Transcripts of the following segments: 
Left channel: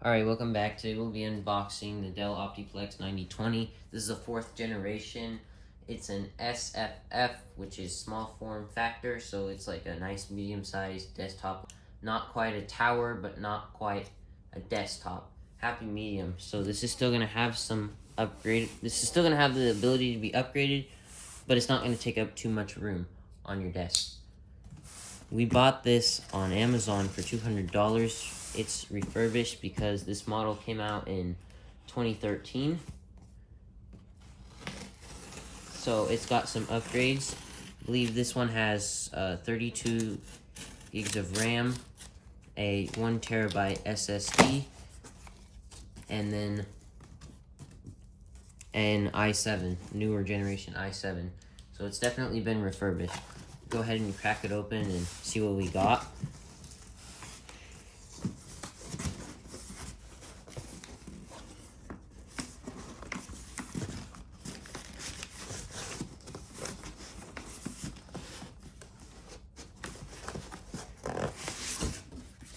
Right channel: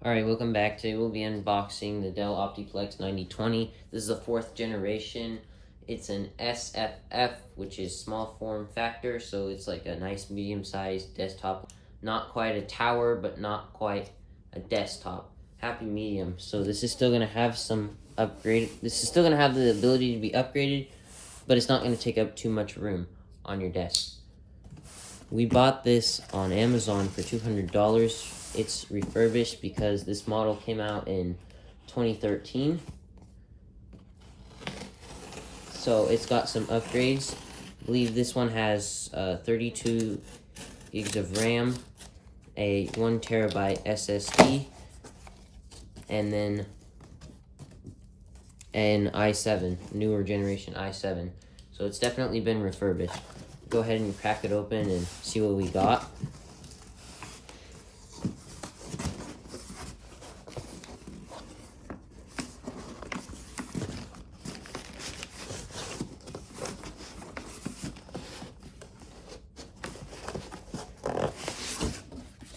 Alright, welcome back. Today we'll be unboxing the Dell Optiplex 9020. This is a 4th generation. It's an SFF, which is small form factor, so it's like a nice medium-sized desktop. Not quite a tower, but not quite a desktop. Happy medium. So this is still going to have some upgrade. This is still going to have the ability to be upgraded, but it's not going to take up too much room on your desk. We bought this on Amazon for $200. It's refurbished because this model came out in 2013. So it's got some upgrades. I believe this one has 32 gigs of RAM, a 1 terabyte SSD, and then an i7, newer generation i7. So it's definitely been refurbished. Go ahead and crack it open and see what we got.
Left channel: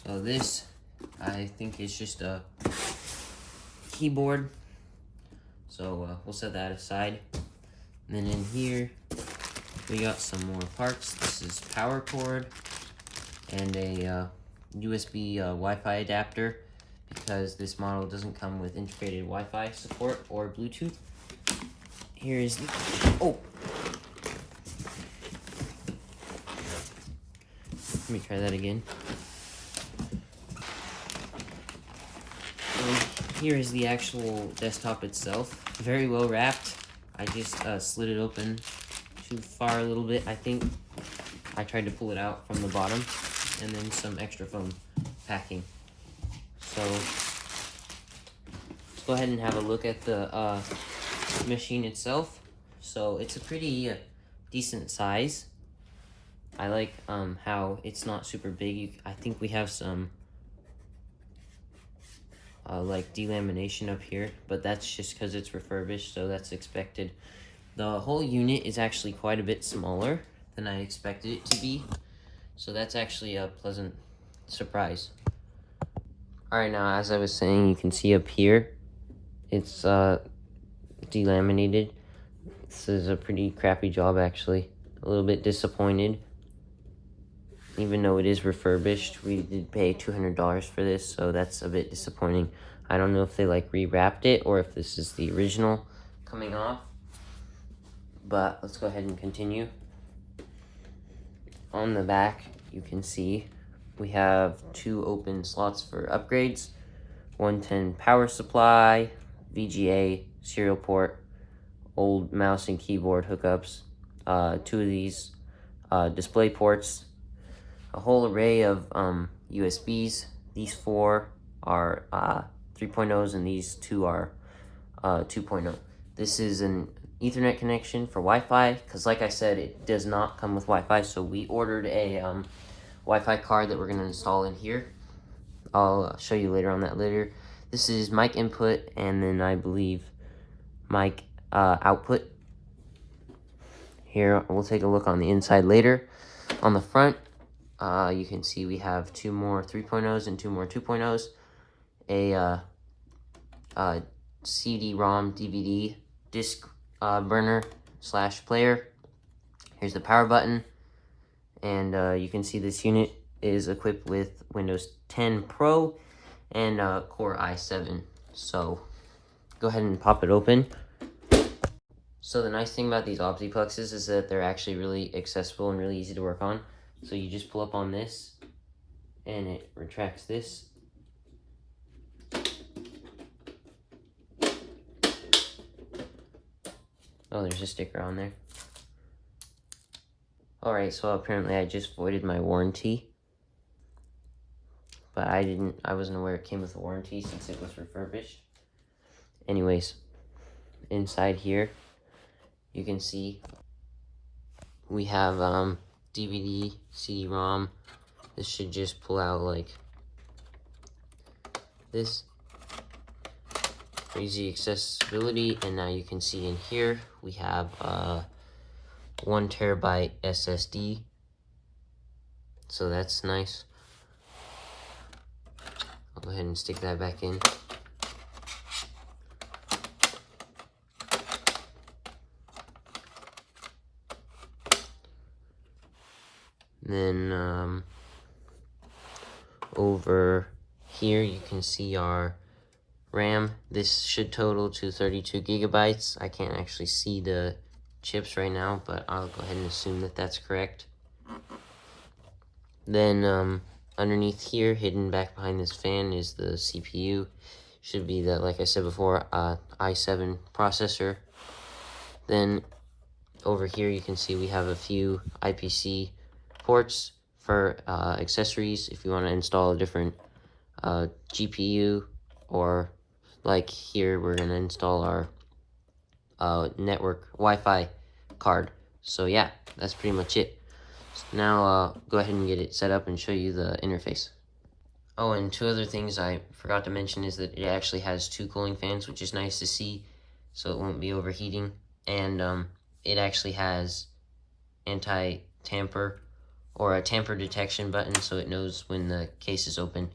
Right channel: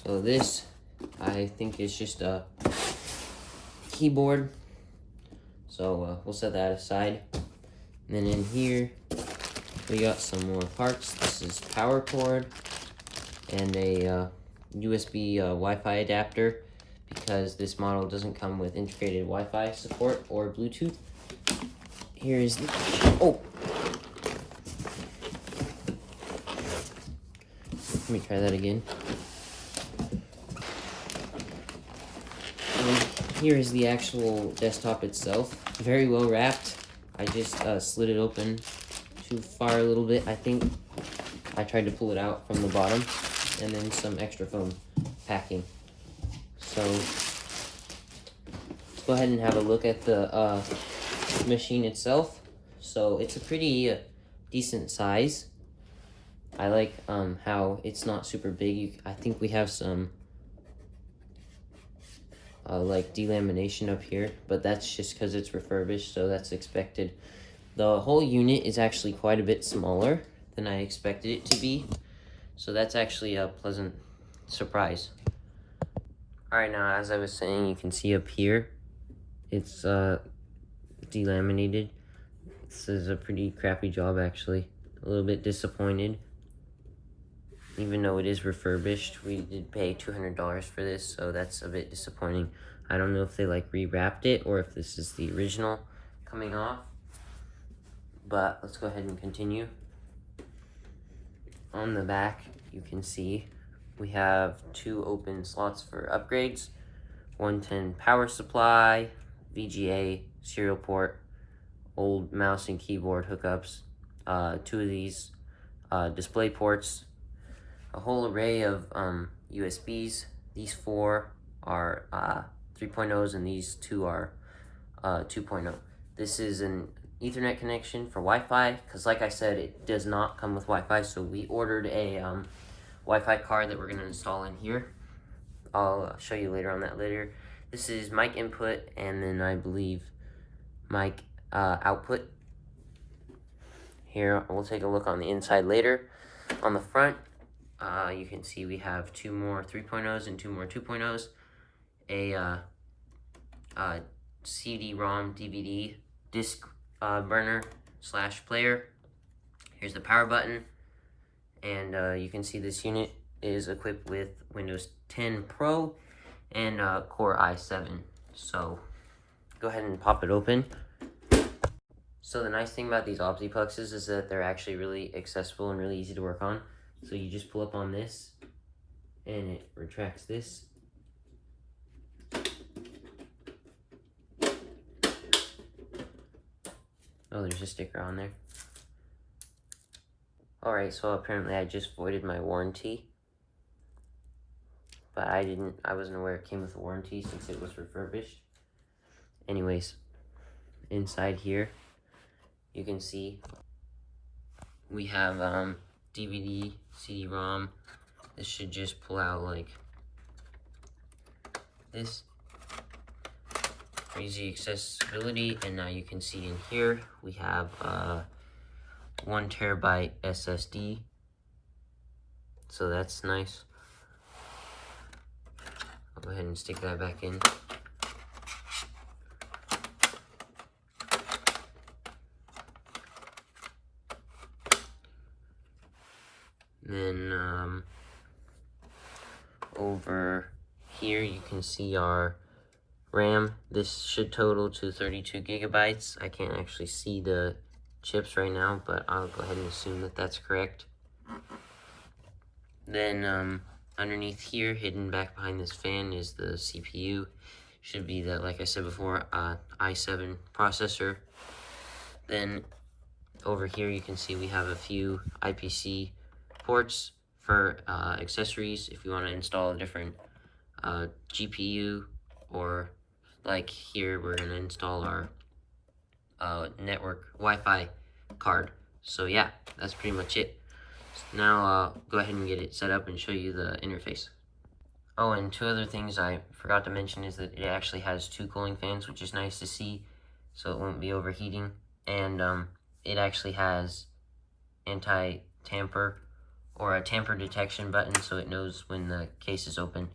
So this, I think, is just a keyboard. So we'll set that aside. And then in here, we got some more parts. This is power cord and a USB Wi-Fi adapter, because this model doesn't come with integrated Wi-Fi support or Bluetooth. Here's the, let me try that again. Here is the actual desktop itself. Very well wrapped. I just slid it open too far a little bit, I think. I tried to pull it out from the bottom, and then some extra foam packing. So let's go ahead and have a look at the machine itself. So it's a pretty decent size. I like how it's not super big. I think we have some like delamination up here, but that's just because it's refurbished, so that's expected. The whole unit is actually quite a bit smaller than I expected it to be, so that's actually a pleasant surprise. Alright, now as I was saying, you can see up here it's delaminated. This is a pretty crappy job, actually. A little bit disappointed. Even though it is refurbished, we did pay $200 for this, so that's a bit disappointing. I don't know if they like rewrapped it or if this is the original coming off, but let's go ahead and continue. On the back, you can see we have 2 open slots for upgrades, 110 power supply, VGA, serial port, old mouse and keyboard hookups, 2 of these display ports, a whole array of USBs. These 4 are 3.0s and these 2 are 2.0. This is an Ethernet connection for Wi-Fi, because like I said, it does not come with Wi-Fi, so we ordered a Wi-Fi card that we're going to install in here. I'll show you later on that later. This is mic input, and then I believe mic output. Here, we'll take a look on the inside later. On the front, you can see we have 2 more 3.0s and 2 more 2.0s, a CD-ROM DVD disc burner / player. Here's the power button, and you can see this unit is equipped with Windows 10 Pro and Core i7. So go ahead and pop it open. So the nice thing about these Optiplexes is that they're actually really accessible and really easy to work on. So you just pull up on this, and it retracts this. Oh, there's a sticker on there. Alright, so apparently I just voided my warranty. But I wasn't aware it came with a warranty since it was refurbished. Anyways, inside here, you can see we have DVD, CD-ROM. This should just pull out like this. Easy accessibility, and now you can see in here we have 1 terabyte SSD, so that's nice. I'll go ahead and stick that back in. Then over here you can see our RAM. This should total to 32 gigabytes. I can't actually see the chips right now, but I'll go ahead and assume that that's correct. Then underneath here, hidden back behind this fan, is the CPU. Should be the, like I said before, i7 processor. Then over here you can see we have a few IPC ports for accessories if you want to install a different GPU, or like here we're going to install our network Wi-Fi card. So yeah, that's pretty much it. So now I'll go ahead and get it set up and show you the interface. Oh, and two other things I forgot to mention is that it actually has 2 cooling fans, which is nice to see, so it won't be overheating. And it actually has anti-tamper, or a tamper detection button, so it knows when the case is open.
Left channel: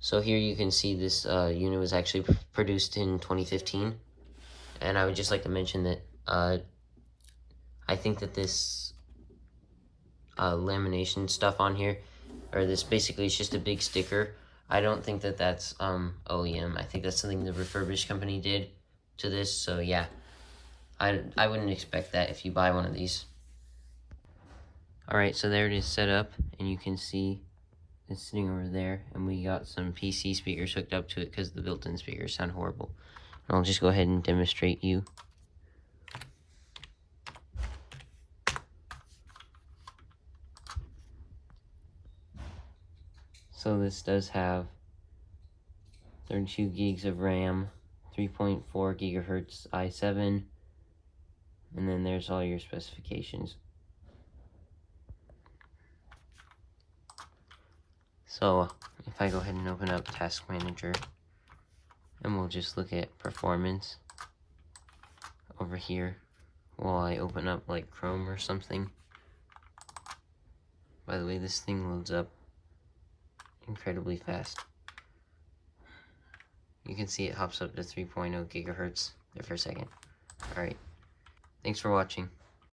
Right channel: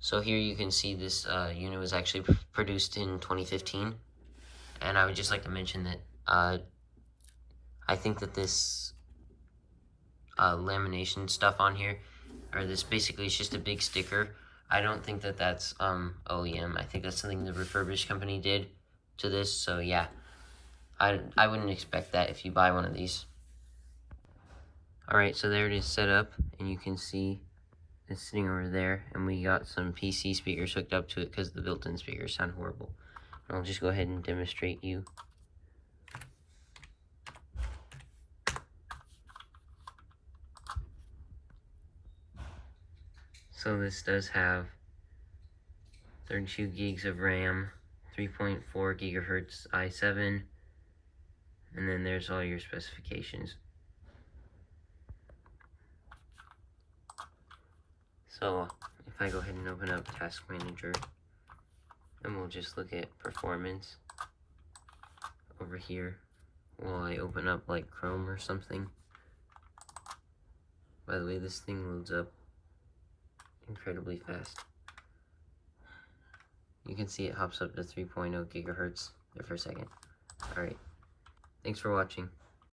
So here you can see this unit was actually produced in 2015. And I would just like to mention that I think that this lamination stuff on here, or this basically is just a big sticker. I don't think that that's OEM. I think that's something the refurbished company did to this. So yeah, I wouldn't expect that if you buy one of these. Alright, so there it is set up, and you can see it's sitting over there, and we got some PC speakers hooked up to it because the built-in speakers sound horrible. And I'll just go ahead and demonstrate you. So this does have 32 gigs of RAM, 3.4 gigahertz i7, and then there's all your specifications. So if I go ahead and open up Task Manager, and we'll just look at performance over here while I open up like Chrome or something. By the way, this thing loads up incredibly fast. You can see it hops up to 3.0 gigahertz there for a second. Alright, thanks for watching.